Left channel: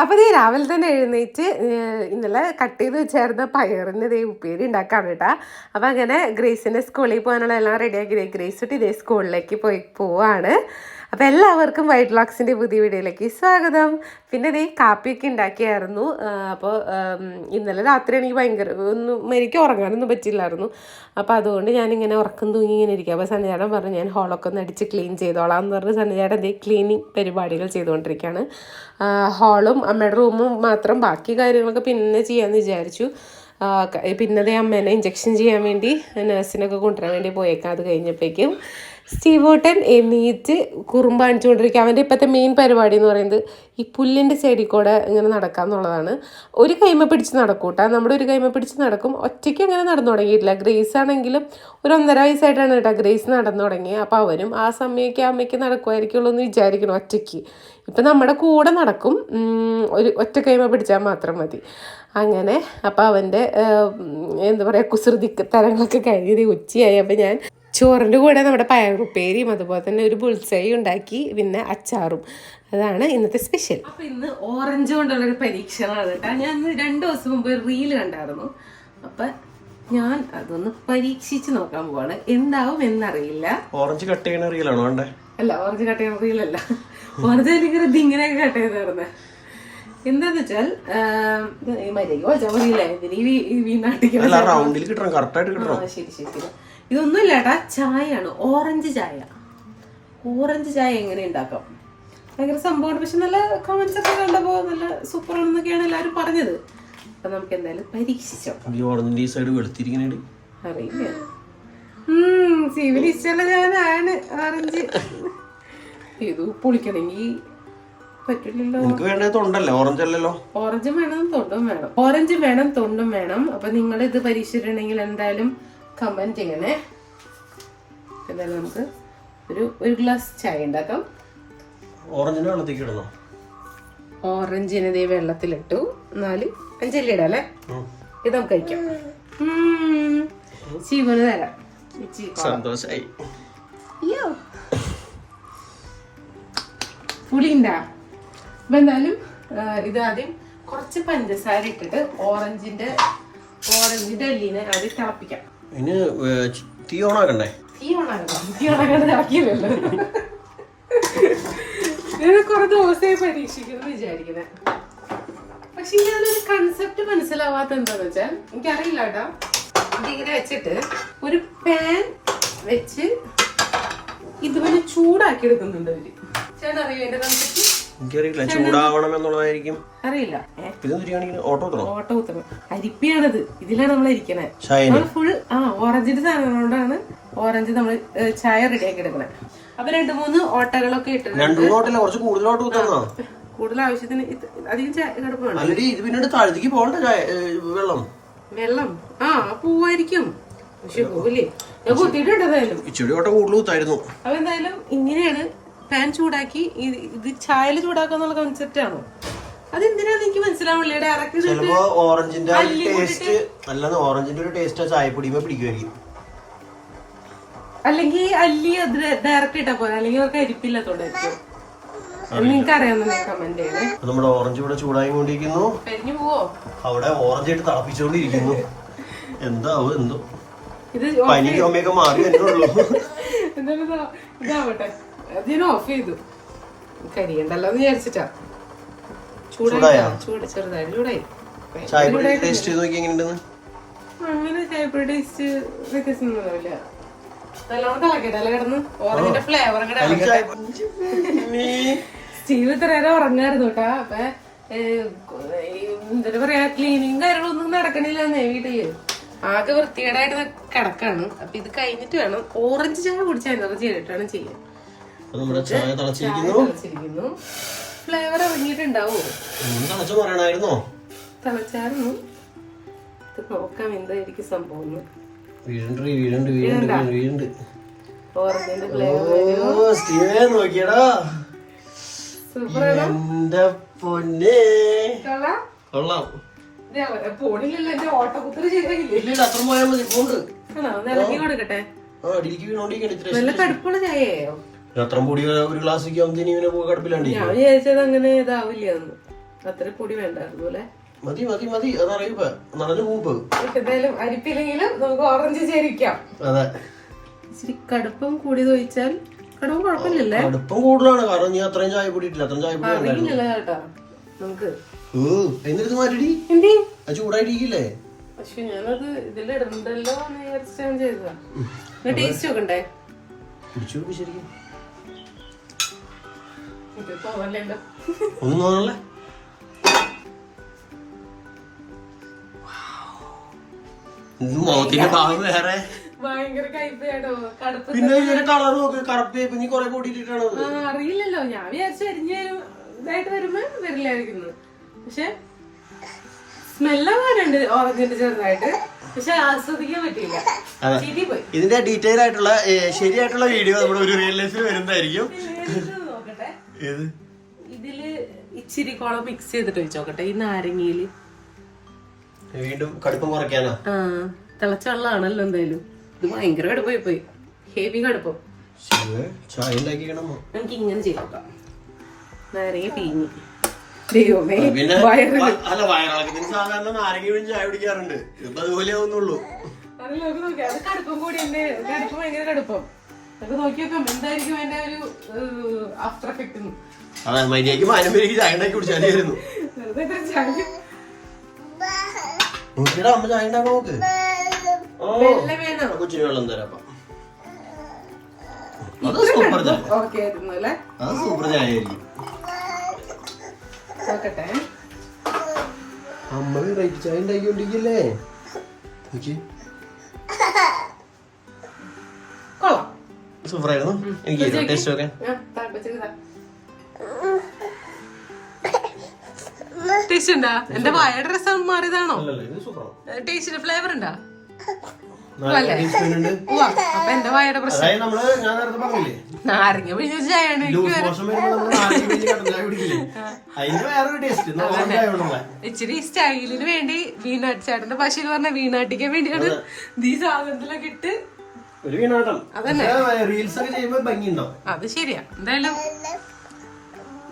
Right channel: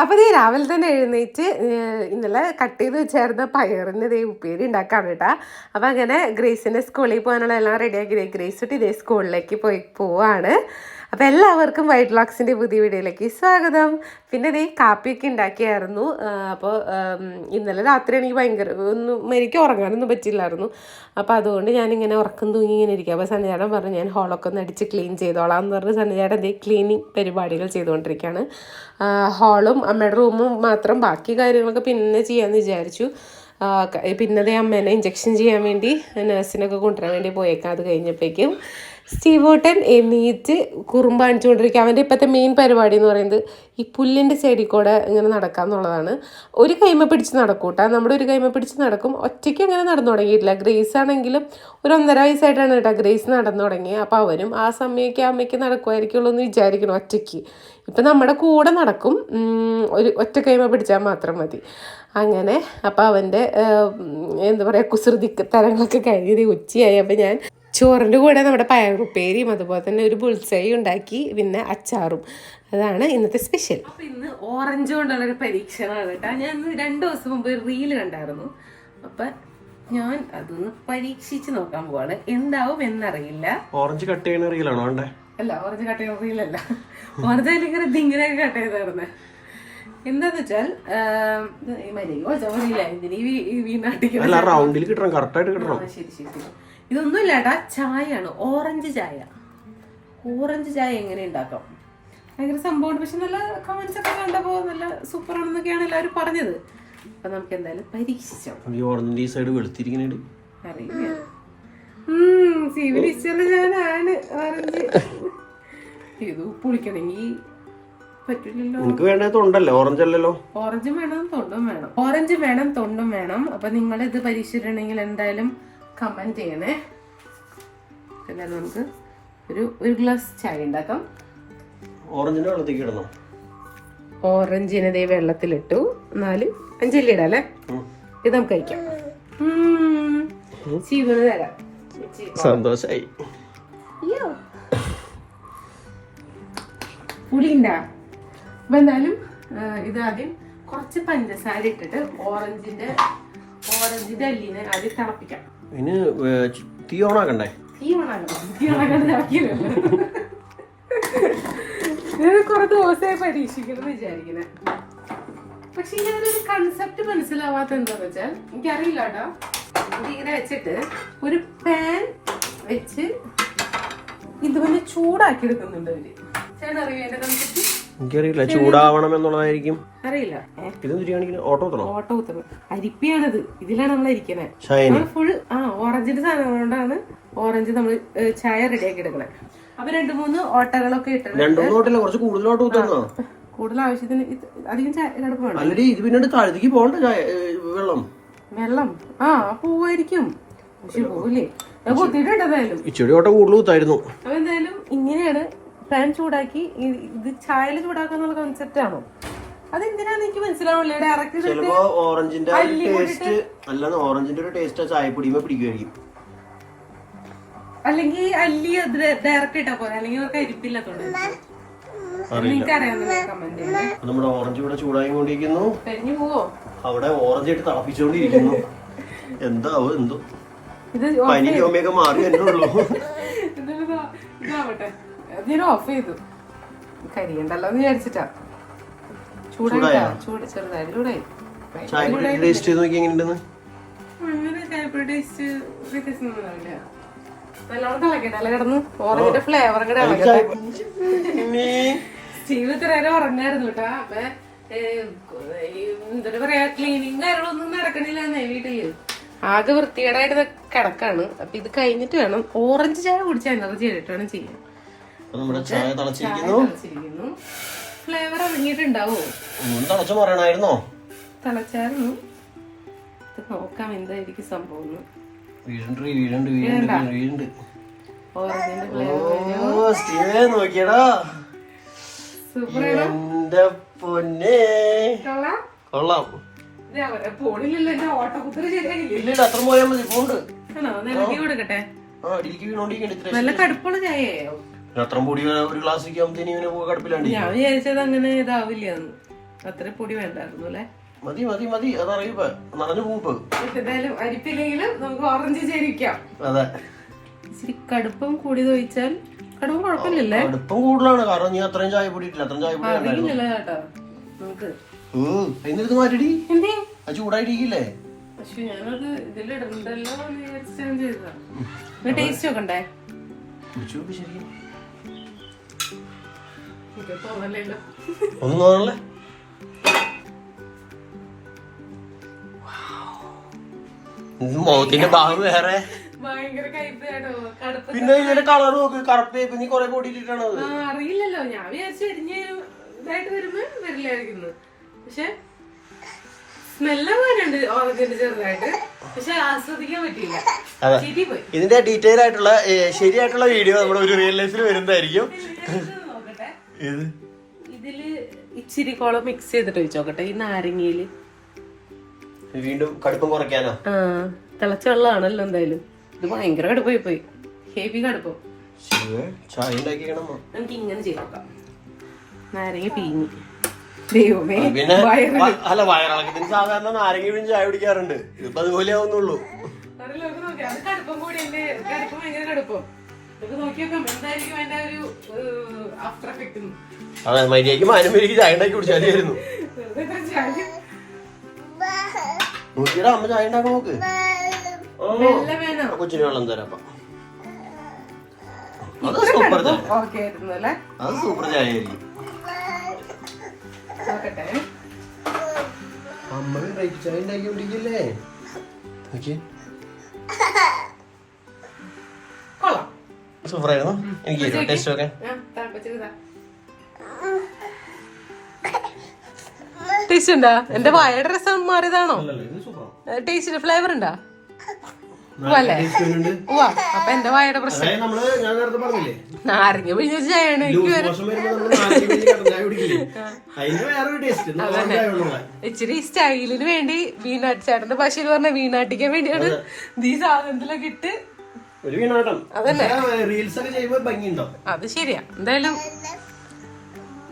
അപ്പോൾ ഇത് രാവിലെ തന്നെ എഴുന്നേറ്റ് ഇന്നലെ കട്ട് ചെയ്ത് വെച്ചായിരുന്ന പയറിന് ഇതേ ഉപ്പേരി ഉണ്ടാക്കാൻ കേട്ടാ. അപ്പോൾ അങ്ങനെ ഗ്രേസിന്റെ സ്കൂളിൽ പോകാനുള്ള എല്ലാം റെഡിയാക്കി ഗ്രേസ് ഇതേ സ്കൂളിലേക്ക് പോയി പോവാണ്. അപ്പോൾ എല്ലാവർക്കും വൈറ്റ് ലോക്സിന്റെ പുതിയ വീഡിയോയിലേക്ക് സ്വാഗതം. പിന്നെ ഇതേ കാപ്പിയൊക്കെ ഉണ്ടാക്കിയായിരുന്നു. അപ്പോൾ ഇന്നലെ രാത്രി എനിക്ക് ഭയങ്കര ഒന്നും എനിക്ക് ഉറങ്ങാനൊന്നും പറ്റില്ലായിരുന്നു. അപ്പോൾ അതുകൊണ്ട് ഞാനിങ്ങനെ ഉറക്കം തൂങ്ങി ഇങ്ങനെ ഇരിക്കുക അപ്പോൾ സന്നിചേട്ടൻ പറഞ്ഞു ഞാൻ ഹോളൊക്കെ ഒന്ന് അടിച്ച് ക്ലീൻ ചെയ്തോളാം എന്ന് പറഞ്ഞ് സന്നിചേട്ടൻ ഇതേ ക്ലീനിങ് പരിപാടികൾ ചെയ്തുകൊണ്ടിരിക്കുകയാണ് ഹാളും അമ്മയുടെ റൂമും മാത്രം ബാക്കി കാര്യങ്ങളൊക്കെ പിന്നെ ചെയ്യാമെന്ന് വിചാരിച്ചു. പിന്നതേ അമ്മേനെ ഇഞ്ചക്ഷൻ ചെയ്യാൻ വേണ്ടി നഴ്സിനൊക്കെ കൊണ്ടുവരാൻ വേണ്ടി പോയേക്കാം. അത് കഴിഞ്ഞപ്പോഴേക്കും സ്റ്റീവോട്ടൻ എണീറ്റ് കുറുമ്പ് കാണിച്ചുകൊണ്ടിരിക്കുക അവന്റെ ഇപ്പോഴത്തെ മെയിൻ പരിപാടി എന്ന് പറയുന്നത് ഈ പുല്ലിന്റെ ചെടി കൂടെ ഇങ്ങനെ നടക്കുക എന്നുള്ളതാണ്. ഒരു കൈമ പിടിച്ച് നടക്കൂട്ടാ. നമ്മുടെ ഒരു കൈമ പിടിച്ച് നടക്കും. ഒറ്റയ്ക്ക് അങ്ങനെ നടന്നു തുടങ്ങിയിട്ടില്ല. ഗ്രേസ് ആണെങ്കിലും ഒരു ഒന്നര വയസ്സായിട്ടാണ് കേട്ടോ ഗ്രേസ് നടന്നു തുടങ്ങിയത് അപ്പോൾ അവരും ആ സമയമൊക്കെ അമ്മയ്ക്ക് നടക്കുമായിരിക്കുള്ളൂ എന്ന് വിചാരിക്കണം ഒറ്റയ്ക്ക്. ഇപ്പം നമ്മുടെ കൂടെ നടക്കും. ഒരു ഒറ്റ കൈമ പിടിച്ചാൽ മാത്രം മതി. അങ്ങനെ അപ്പോൾ അവന്റെ എന്താ പറയുക കുസൃതി തരങ്ങളൊക്കെ കഴിഞ്ഞ് ഉച്ചയായി. അപ്പോൾ ഞാൻ ചോറിന്റെ കൂടെ നമ്മുടെ പയറുപ്പേരിയും അതുപോലെ തന്നെ ഒരു ബുൾസൈ ഉണ്ടാക്കി പിന്നെ അച്ചാറും. അതാണ് ഇന്നത്തെ സ്പെഷ്യൽ അപ്പൊ ഇന്ന് ഓറഞ്ച് കൊണ്ടുള്ള ഒരു പരീക്ഷണമാണ് കേട്ടോ. ഞാൻ രണ്ടു ദിവസം മുമ്പ് റീൽ കണ്ടായിരുന്നു. അപ്പം ഞാൻ അതൊന്ന് പരീക്ഷിച്ച് നോക്കാൻ പോവാണ്. എന്താവും എന്നറിയില്ല. ഓറഞ്ച് കട്ട് ചെയ്യുന്ന റീലാണോ വേണ്ടേ അല്ല ഓറഞ്ച് കട്ട് ചെയ്യാൻ റീലല്ല ഓറഞ്ച് ഇങ്ങനെ ഇങ്ങനെ കട്ട് ചെയ്തായിരുന്നെ. എന്താന്ന് വെച്ചാൽ റൗണ്ടിൽ കിട്ടണം കിട്ടണം. ശരി ശരി. ഇതൊന്നും ഇല്ലാട്ടാ ചായയാണ് ഓറഞ്ച് ചായ. ഓറഞ്ച് ചായ എങ്ങനെ ഉണ്ടാക്കാം? ഭയങ്കര സംഭവമാണ്. പക്ഷെ നല്ല കമന്റ്സ് ഒക്കെ കണ്ടപ്പോ നല്ല സൂപ്പർ ആണെന്നൊക്കെയാണ് എല്ലാവരും പറഞ്ഞത്. അപ്പൊ നമുക്ക് എന്തായാലും പരീക്ഷിച്ചോ. ഈ ഓറഞ്ചിന്റെ ഈ സൈഡ് വെളുത്തിരിക്കുന്നുണ്ട് അറിയില്ല. ഇഷ്ടമല്ല ഞാനാണ് ഓറഞ്ച് ഇത് പൊളിക്കണമെങ്കിൽ നിനക്ക് വേണ്ടത് തൊണ്ടല്ലേ? ഓറഞ്ച് അല്ലല്ലോ. ഓറഞ്ചും വേണം തൊണ്ടും വേണം. ഓറഞ്ച് വേണം തൊണ്ടും വേണം. അപ്പൊ നിങ്ങൾ ഇത് പരീക്ഷിച്ചിട്ടുണ്ടെങ്കിൽ എന്തായാലും കമന്റ് ചെയ്യണേ. എന്തായാലും നമുക്ക് ഒരു ഒരു ഗ്ലാസ് ചായ ഉണ്ടാക്കാം. ഓറഞ്ചിന് വെള്ളത്തേക്ക് ഇടണം? ഓറഞ്ചിനെ ദേ വെള്ളത്തിലിട്ടു. നാല് അഞ്ചല്ലി ഇടാം അല്ലേ? ഇത് നമുക്ക് കഴിക്കാം. ഉം. ചീവന് തരാം. സന്തോഷായി. പുളിണ്ടാ അപ്പൊ എന്തായാലും ആ, ഇത് ആദ്യം കുറച്ച് പഞ്ചസാര ഇട്ടിട്ട് ഓറഞ്ചിന്റെ ഓറഞ്ചിന്റെ അല്ലിനെ ആദ്യം തിളപ്പിക്കാം. ഇതിന് ഏ, ചി- തീ ഓണാക്കണ്ടേ? തീ ഓണാക്കണം തീ ഓണാക്കാണ്ട് തിളക്കിയല്ലോ ഇത് കുറെ ദിവസമായി പരീക്ഷിക്കണം വിചാരിക്കുന്നത് പക്ഷെ ഞാനൊരു കൺസെപ്റ്റ് മനസ്സിലാവാത്ത എന്താന്ന് വെച്ചാൽ എനിക്കറിയില്ല കേട്ടോ. ഇതിങ്ങനെ വെച്ചിട്ട് ഒരു പാൻ വെച്ച് ഇതുപോലെ ചൂടാക്കി എടുക്കുന്നുണ്ട് അവർ. ചേട്ടൻ അറിയോ എന്റെ കൺസെപ്റ്റ് എനിക്കറിയില്ല. ചൂടാവണം എന്നുള്ളതായിരിക്കും. അറിയില്ല. പിന്നെ ബിരിയാണിക്ക് ഓട്ടോ ഉത്തരം ഓട്ടോ ഉത്തരം അരിപ്പിയാണത്. ഇതിലാണ് നമ്മൾ ഇരിക്കണേ. ഫുൾ ആ ഓറഞ്ചിന്റെ സാധനം കൊണ്ടാണ് ഓറഞ്ച് നമ്മൾ ചായ റെഡിയാക്കി എടുക്കണേ. അപ്പൊ രണ്ടു മൂന്ന് ഓട്ടകളൊക്കെ ഇട്ടത് രണ്ടൊന്നും ഓട്ടില്ല കുറച്ച് കൂടുതൽ ഓട്ടോ കുത്തന്നാ കൂടുതൽ ആവശ്യത്തിന് അധികം കിടപ്പാണ് അല്ലടി ഇത് പിന്നീട് താഴത്തേക്ക് പോകണ്ട വെള്ളം. വെള്ളം. ആ പൂവായിരിക്കും. പക്ഷെ പൂവില്ലേ? ഞാൻ കുത്തിയിട്ടുണ്ട് എന്തായാലും. ഇച്ചിരി ഓട്ടം കൂടുതൽ കുത്തായിരുന്നു. അപ്പൊ എന്തായാലും ഇങ്ങനെയാണ് പാൻ ചൂടാക്കി ഇത് ചായൽ ചൂടാക്കുക ചൂടാക്കാന്നുള്ള കൺസെപ്റ്റ് ആണോ? അതെന്തിനാന്ന് എനിക്ക് മനസ്സിലാവില്ല ഡയറക്റ്റ് ചിലപ്പോ ഓറഞ്ചിന്റെ ആ ഒരു ടേസ്റ്റ് ഓറഞ്ചിന്റെ ഒരു ടേസ്റ്റ് ചായപ്പൊടിയുമ്പോ പിടിക്കുമായിരിക്കും അല്ലെങ്കിൽ അല്ലി അത് ഡയറക്റ്റ് ഇട്ടാ പോലെ അല്ലെങ്കിൽ അവർക്ക് അരിപ്പില്ലാത്തോണ്ടായിരിക്കും നിങ്ങൾക്ക് കമന്റ് ചെയ്യണേ അപ്പൊ നമ്മുടെ ഓറഞ്ച് ഇവിടെ ചൂടായിക്കൊണ്ടിരിക്കുന്നു. പോവോ? അവിടെ ഓറഞ്ച് ആയിട്ട് തിളപ്പിച്ചുകൊണ്ടിരിക്കുന്നു എന്താവും എന്തോ? ഇത് പനി ചുമയൊക്കെ മാറി തന്നെ ഉള്ളൂ. എന്തായാലും ഇതാവട്ടെ അതിന് ഓഫ് ചെയ്തു. കരിയണ്ടല്ലോ എന്ന് വിചാരിച്ചിട്ടാ. ചൂടായ? ചൂട് ചെറുതായി. ചൂടായി. ചായപ്പൊടി ടേസ്റ്റ് ചെയ്ത് നോക്കി എങ്ങനെയുണ്ടെന്ന് അങ്ങനെ ചായപ്പൊടി ടേസ്റ്റ് വ്യത്യാസം ഒന്നും ഉണ്ടാവില്ല നല്ലോണം തിളക്കട്ടെ അല്ല കിടന്നു? ഓറഞ്ചിന്റെ ഫ്ലേവർ കൂടെ എനിക്ക് ചായപ്പൊടി സ്റ്റീവ് ഇത്ര നേരം ഉറങ്ങായിരുന്നു കേട്ടാ. അപ്പൊ എന്താ പറയാ ക്ലീനിങ് കാര്യങ്ങളൊന്നും നടക്കണില്ലെന്നേ വീട്ടിൽ. ആകെ വൃത്തികേടായിട്ട് കിടക്കാണ്. അപ്പൊ ഇത് കഴിഞ്ഞിട്ട് വേണം. ഓറഞ്ച് ചായ കുടിച്ച എനർജി ആയിട്ട് വേണം ചെയ്യാൻ. നമ്മുടെ ചായ തിളച്ചിരിക്കുന്നു. ഫ്ലേവർ ഇറങ്ങിയിട്ടുണ്ടാവോ തിളച്ച പറയണായിരുന്നോ തിളച്ചായിരുന്നു. ഇത് നോക്കാം എന്തായിരിക്കും സംഭവം വീടുണ്ട് ഓറഞ്ചിന്റെ ഫ്ലേവർ ഓ സ്റ്റീവേ നോക്കിയടാ. എന്റെ പൊന്നെ. കൊള്ളാം. പോണില്ലല്ലോ എന്റെ ഓട്ടക്കുത്തറ് ശരിയായില്ലേ? അത്ര പോയാൽ മതി കൊടുക്കട്ടെ? ആ അടിയിലേക്ക് വീണോണ്ടിരിക്കണ നല്ല കടുപ്പുള്ള ചായയോ? അത്ര പൊടി ഒരു ഗ്ലാസ് കടുപ്പിലാണ്ടി ഞാൻ വിചാരിച്ചത് അങ്ങനെ ഇതാവില്ല അത്ര പൊടി വേണ്ടായിരുന്നു അല്ലേ? മതി മതി മതി. അതറിയുമ്പോ നിറഞ്ഞു പൂപ്പ് എന്തായാലും അരിപ്പില്ലെങ്കിലും നമുക്ക് ഓറഞ്ച് ചേരിക്കാം അതെ. ഇച്ചിരി കടുപ്പം കൂടി ചോദിച്ചാൽ കടുപ്പം കുഴപ്പമില്ല കടുപ്പം കൂടുതലാണ്. കാരണം നീ അത്രയും ചായ പൊടിയിട്ടില്ല അത്രയും ചായ പൊടി ഉണ്ടായിരുന്നു അറിയില്ലല്ലോ കേട്ടോ? നമുക്ക് എന്നിട്ട് മാറ്റിടി? അത് ചൂടായിട്ടിരിക്കില്ലേ? പക്ഷെ ഞാനത് ഇതിലിടണ്ടല്ലോ എന്ന് വിചാരിച്ച് ഞാൻ ചെയ്തതാ ടേസ്റ്റ് നോക്കണ്ടേ? ശരി ഇത് തോന്നലുണ്ട് ഒന്നും തോന്നല്ലേ മോത്തിന്റെ ഭാഗം വേറെ. പിന്നെ ഇതിന്റെ കളർ നോക്ക്. കറുപ്പേക്ക് നീ കൊറേ കൂട്ടിട്ടാണ് അത്. ആ, അറിയില്ലല്ലോ. ഞാൻ വിചാരിച്ചു അരിഞ്ഞ് ഇതായിട്ട് വരുമ്പോ വരില്ലായിരിക്കുന്നു പക്ഷെ സ്മെല്ല് പോലുണ്ട് ഓറഞ്ചിന്റെ ചെറുതായിട്ട്. പക്ഷെ ആസ്വദിക്കാൻ പറ്റിയില്ല. അതെ. പോയി ഇതിന്റെ ഡീറ്റെയിൽ ആയിട്ടുള്ള ശരിയായിട്ടുള്ള വീഡിയോ നമ്മുടെ ഒരു റിയൽ ലൈഫിൽ വരുന്നതായിരിക്കും. ഏത്? ഇതിൽ ഇച്ചിരി കോളം മിക്സ് ചെയ്തിട്ട് വെച്ചോക്കട്ടെ ഈ നാരങ്ങയിൽ. വീണ്ടും കടുപ്പം കുറയ്ക്കാനോ? ആ തിളച്ച വെള്ളമാണല്ലോ എന്തായാലും. ഇത് ഭയങ്കര കടുപ്പമായി പോയി. ഹെവി കടുപ്പം. ചായ നമുക്ക് ഇങ്ങനെ ചെയ്യാം നാരങ്ങ പിഴിഞ്ഞു ദൈവമേ അല്ല വയറിളക്കത്തിന് സാധാരണ നാരങ്ങ പിഴിഞ്ഞ് ചായ കുടിക്കാറുണ്ട്. ഇപ്പൊ അതുപോലെ ആവുന്നുള്ളൂ. കടുപ്പം കൂടി ഉണ്ട് കടുപ്പം ഭയങ്കര കടുപ്പം. നമുക്ക് നോക്കിയേക്കാം എന്തായിരിക്കും അതിന്റെ ഒരു ആഫ്റ്റർ എഫക്റ്റ് അതെ മര്യാദയ്ക്ക് മാനം പേരിക്ക് ചായ ഉണ്ടാക്കി കുടിച്ചാലായിരുന്നു നോക്കിയുടെ അമ്മ ചായ ഉണ്ടാക്കാൻ നോക്ക് ഓ വെള്ളം തരാം. അത് സൂപ്പർ ചായ. ഓക്കെ അത് സൂപ്പർ ചായ ആയിരിക്കും അമ്മ റൈറ്റ് ചായ ഉണ്ടാക്കിക്കൊണ്ടിരിക്കല്ലേ നോക്കി സൂപ്പർ ആയിരുന്നു എനിക്ക് ടേസ്റ്റ് ഒക്കെ? ടേസ്റ്റ് ഉണ്ടാ? എന്റെ വായയുടെ രസം മാറിയതാണോ? അല്ലല്ലോ ഇത് സൂപ്പറാണ്. ടേസ്റ്റിന് ഫ്ലേവർ ഉണ്ടാ. ഉവാ അപ്പൊ എന്റെ വായയുടെ പ്രശ്നം. അതായത് ഞാൻ നേരത്തെ പറഞ്ഞില്ലേ? നാരങ്ങ പിഴിഞ്ഞ ചായയാണ് എനിക്ക് ഇച്ചിരി സ്റ്റൈലിന് വേണ്ടി വീണാട്ടി ചേട്ടന്റെ ഭാഷയിൽ പറഞ്ഞ വീണാട്ടിക്കാൻ വേണ്ടിയാണ് ഈ സാധനത്തിലൊക്കെ ഇട്ട് ഒരു വീണാട്ടം അതന്നെ. റീൽസ് ഒക്കെ ചെയ്യുമ്പോ ഭംഗിയുണ്ടാവും. അത് ശരിയാ. എന്തായാലും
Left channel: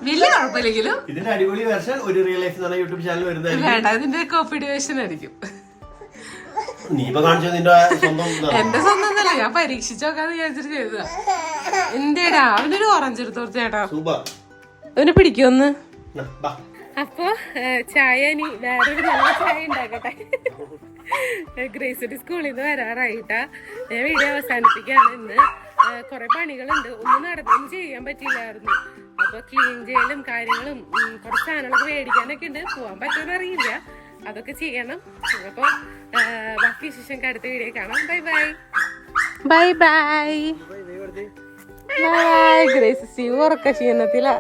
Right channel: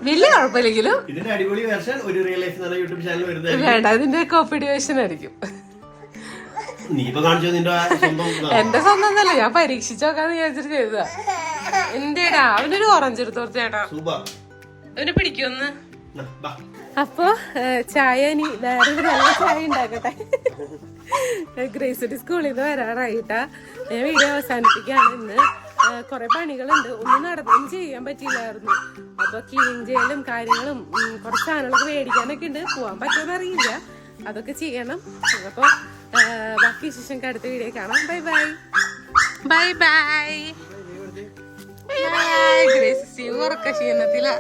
വലിയ കുഴപ്പമില്ലെങ്കിലും ഇതിന്റെ അടിപൊളി വെർഷൻ ഒരു റിയൽ ലൈഫ് എന്ന യൂട്യൂബ് ചാനൽ വരുന്നത് വേണ്ട അതിന്റെ കോപ്പി വേർഷൻ ആയിരിക്കും. എന്റെ സ്വന്തം ഒന്നല്ല ഞാൻ പരീക്ഷിച്ചു നോക്കാന്ന് വിചാരിച്ചിട്ട് ചെയ്തതാ. എന്റെടാ അവനൊരു ഓറഞ്ച് എടുത്തു ചേട്ടാ. സൂപ്പർ. അവന് പിടിക്കുമെന്ന് അപ്പൊ ചായ ഇനി വേറൊരു നല്ല ചായ ഉണ്ടാക്കട്ടെ. ഗ്രേസിറ്റി സ്കൂളിൽ നിന്ന് വരാറായിട്ടാ. ഞാൻ വീഡിയോ അവസാനിപ്പിക്കുകയാണ് ഇന്ന്. കുറെ പണികളുണ്ട്. ഒന്നും നടന്നും ചെയ്യാൻ പറ്റിയില്ലായിരുന്നു. അപ്പൊ ക്ലീൻ ചെയ്യലും കാര്യങ്ങളും കുറച്ച് സാധനങ്ങളൊക്കെ മേടിക്കാനൊക്കെ ഉണ്ട്. പോവാൻ പറ്റുമെന്ന് അറിയില്ല. അതൊക്കെ ചെയ്യണം. അപ്പൊ ബാക്കി വിശേഷം അടുത്ത വീഡിയോ കാണാം. Bye bye bye bye bye Grace ഉറക്ക ക്ഷീണത്തിലാ.